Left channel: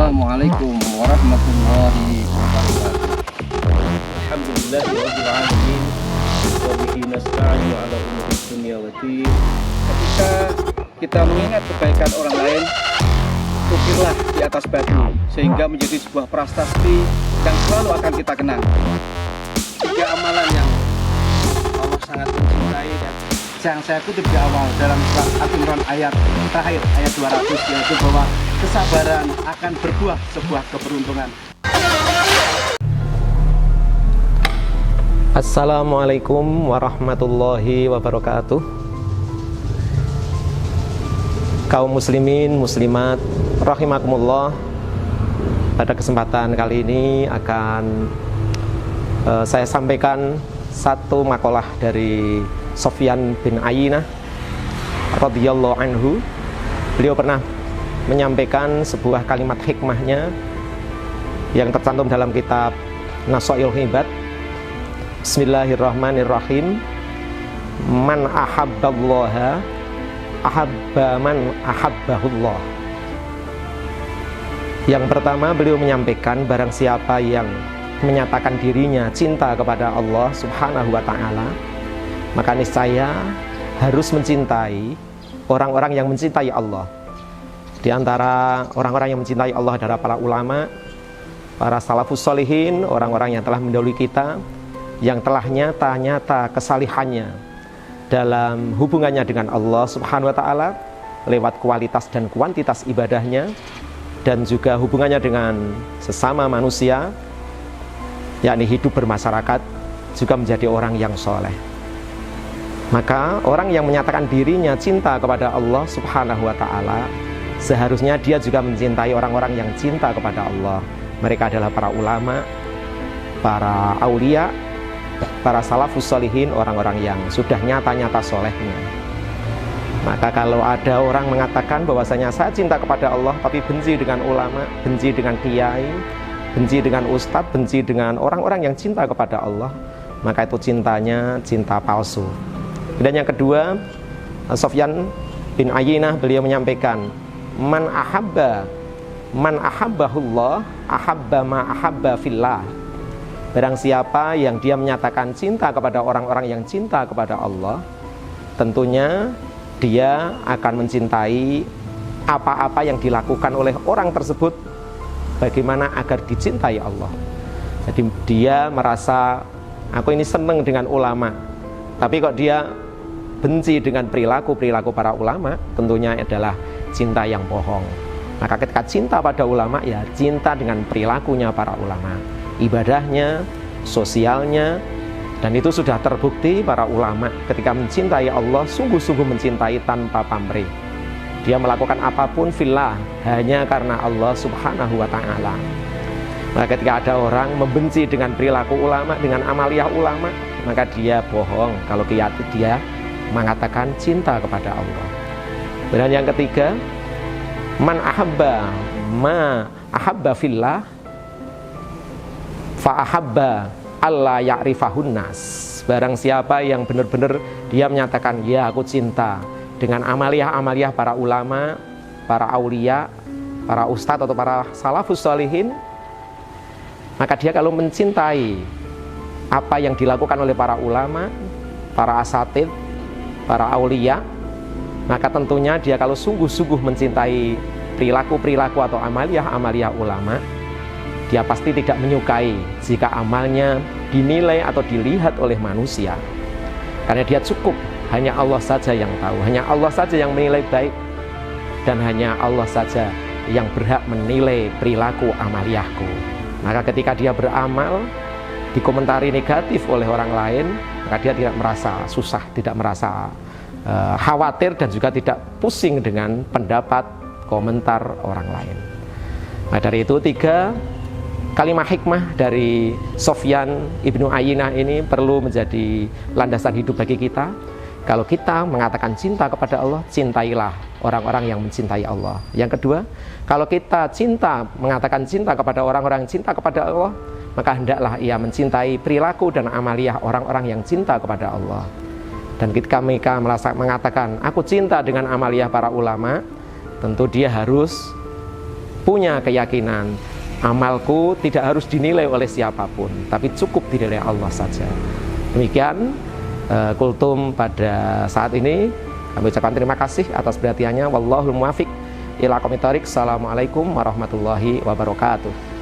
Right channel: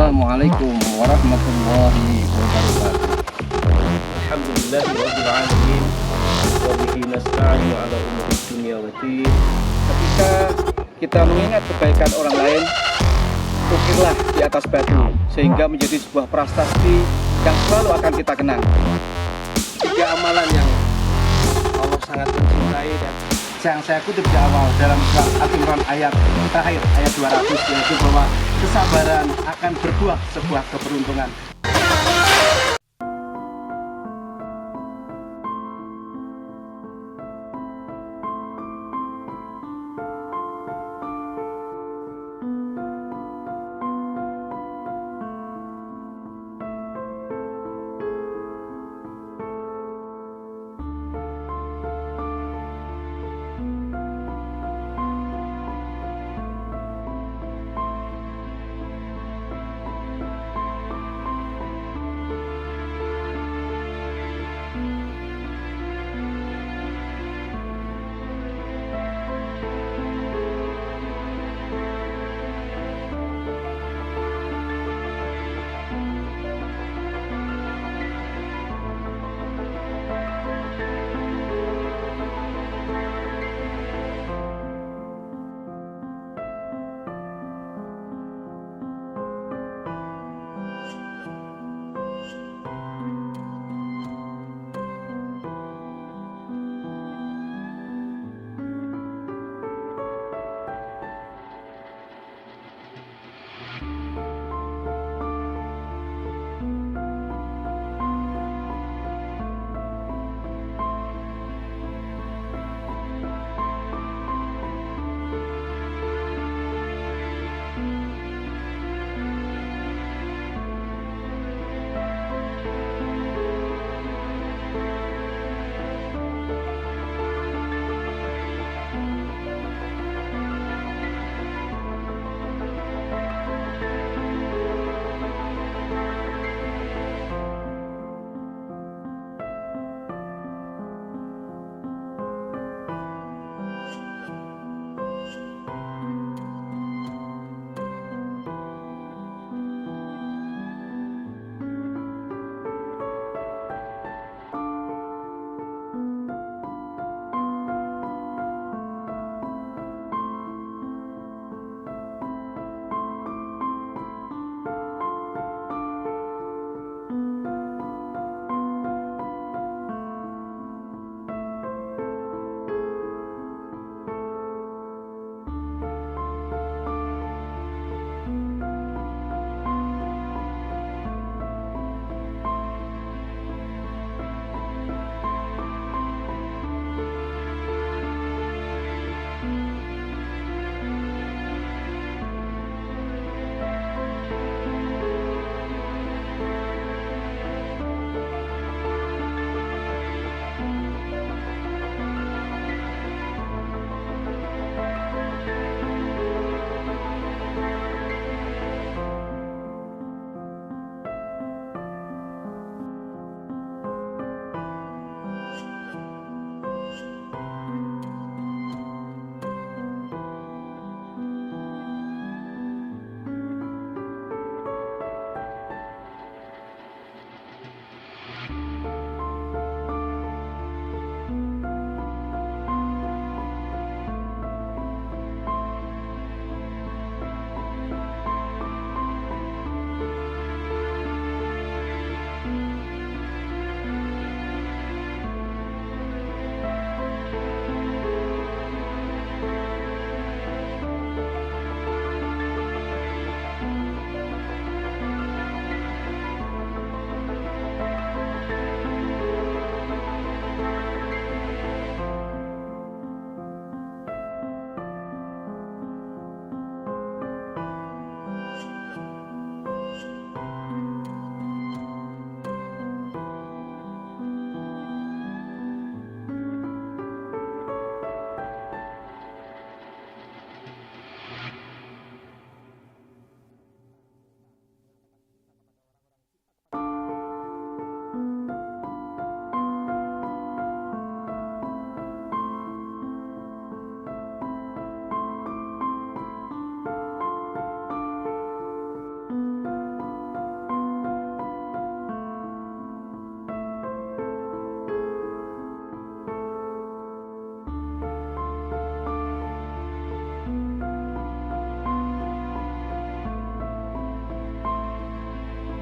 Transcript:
Assalamualaikum warahmatullahi wabarakatuh. Alhamdulillahirabbil alamin wa bihi nasta'inu ala umuri dunya waddin. Ketika kita mengingat kebaikan orang lain, ukirlah di atas batu sehingga menjadi sebuah prasasti yang selalu akan kita kenang. 3 amalan yang Allah sangat mencintai dan yang saya kutip di awal dalam surat Al-Imran ayat terakhir, ayat 200, yaitu bahwa kesabaran akan berbuah sebuah keberuntungan. Assalamualaikum warahmatullahi wabarakatuh. Kaum muslimin, muslimat, rahimakumullah. Pada kesempatan kali ini akan saya sampaikan satu makalah dari Sufyan bin Ayyinah radhiyallahu anhu. Beliau pernah menyampaikan sebuah kalimat hikmahnya yang tercantum dalam kitab Nasaihul Hibad. Bismillahirrahmanirrahim. Man ahabballaha ahabba man ahabbahullah. Yang pertama, beliau menyampaikan barang siapa yang menyatakan dirinya cinta kepada Allah Subhanahu wa ta'ala, maka niscaya harus mencintai orang-orang yang mencintai Allah. Di antara orang-orang yang mencintai Allah adalah para ulama, para salafus sholihin, orang-orang yang telah mendahului kita, yang telah nyata-nyata kesalihannya dalam hubungannya dengan Allah Subhanahu wa ta'ala lewat kualitas dan kuantitas ibadahnya, dan juga hubungannya dengan sesama manusia, yakni hidup bermasyarakat, juga menjadi orang yang soleh. Maka orang yang menyatakan dirinya cinta kepada Allah Subhanahu wa ta'ala, seharusnya dia juga mencintai orang-orang yang cinta kepada Allah. Mereka adalah para ulama, para aulia, para salafus sholihin, orang-orang yang sudah nyata-nyata solehnya. Maka kalau ada orang mengatakan bahwasanya saya cinta kepada Allah tapi benci dengan ulama, benci dengan kiai, benci dengan ustadz, benci dengan orang-orang yang cinta kepada Allah, maka itu cintanya cinta palsu. Dan yang kedua, Sufyan bin Ayyinah, beliau menyampaikan, man ahabbahullah ahabba ma ahabba fillah. Barang siapa yang dia menyatakan cinta kepada orang-orang yang cinta kepada Allah, tentunya dia akan mencintai apa-apa yang dilakukan oleh orang tersebut bagaimana agar dicintai Allah. Jadi dia merasa, aku ini senang dengan ulama, tapi kok dia benci dengan perilaku para ulama, tentunya adalah cinta yang bohong. Maka ketika cinta pada ulama, ya cinta dengan perilakunya para ulama, ibadahnya, sosialnya. Dan itu sudah terbukti para ulama ketika mencintai Allah, sungguh-sungguh mencintai tanpa pamrih. Dia melakukan apapun fillah, hanya karena Allah Subhanahu wa ta'ala. Nah, ketika ada orang membenci dengan perilaku ulama, dengan amaliyah ulama, maka dia bohong kalau dia mengatakan cinta kepada Allah. Dan yang ketiga, man ahabba ma ahabba fillah fa ahabba Allah ya'rifahun nas. Barang siapa yang benar-benar dia menyatakan, ya aku cinta dengan amaliyah-amaliyah para ulama, para aulia, para ustadz atau para salafus sholihin, maka dia kalau mencintai apa yang dilakukan oleh para ulama, para asatid, para aulia, maka tentunya dia kalau sungguh-sungguh mencintai perilaku-perilaku atau amaliyah-amaliyah ulama, dia pasti tidak menyukai jika amalnya dinilai atau dilihat oleh manusia. Karena dia cukup, hanya Allah saja yang tahu, hanya Allah saja yang menilai baik, dan hanya Allah saja yang berhak menilai perilaku amaliyahku. Maka ketika dia beramal dikomentari negatif oleh orang lain, maka dia tidak merasa susah, tidak merasa khawatir, dan juga tidak pusing dengan pendapat komentar orang lain. Nah, dari itu 3 kalimat hikmah dari Sufyan ibnu Ayyinah ini perlu menjadi landasan hidup bagi kita. Kalau kita mengatakan cinta kepada Allah, cintailah orang-orang yang mencintai Allah. Yang kedua, kalau kita mengatakan cinta kepada orang-orang yang cinta kepada Allah, maka hendaklah ia mencintai perilaku dan amaliyah orang-orang yang cinta kepada Allah. Dan ketika mereka mengatakan, aku cinta dengan amaliyah para ulama, tentu dia harus punya keyakinan amalku tidak harus dinilai oleh siapapun, tapi cukup dinilai Allah saja. Demikian kultum pada saat ini. Kami ucapkan terima kasih atas perhatiannya. Wallahul muwaffiq ila aqwamit thoriq. Assalamualaikum warahmatullahi wabarakatuh.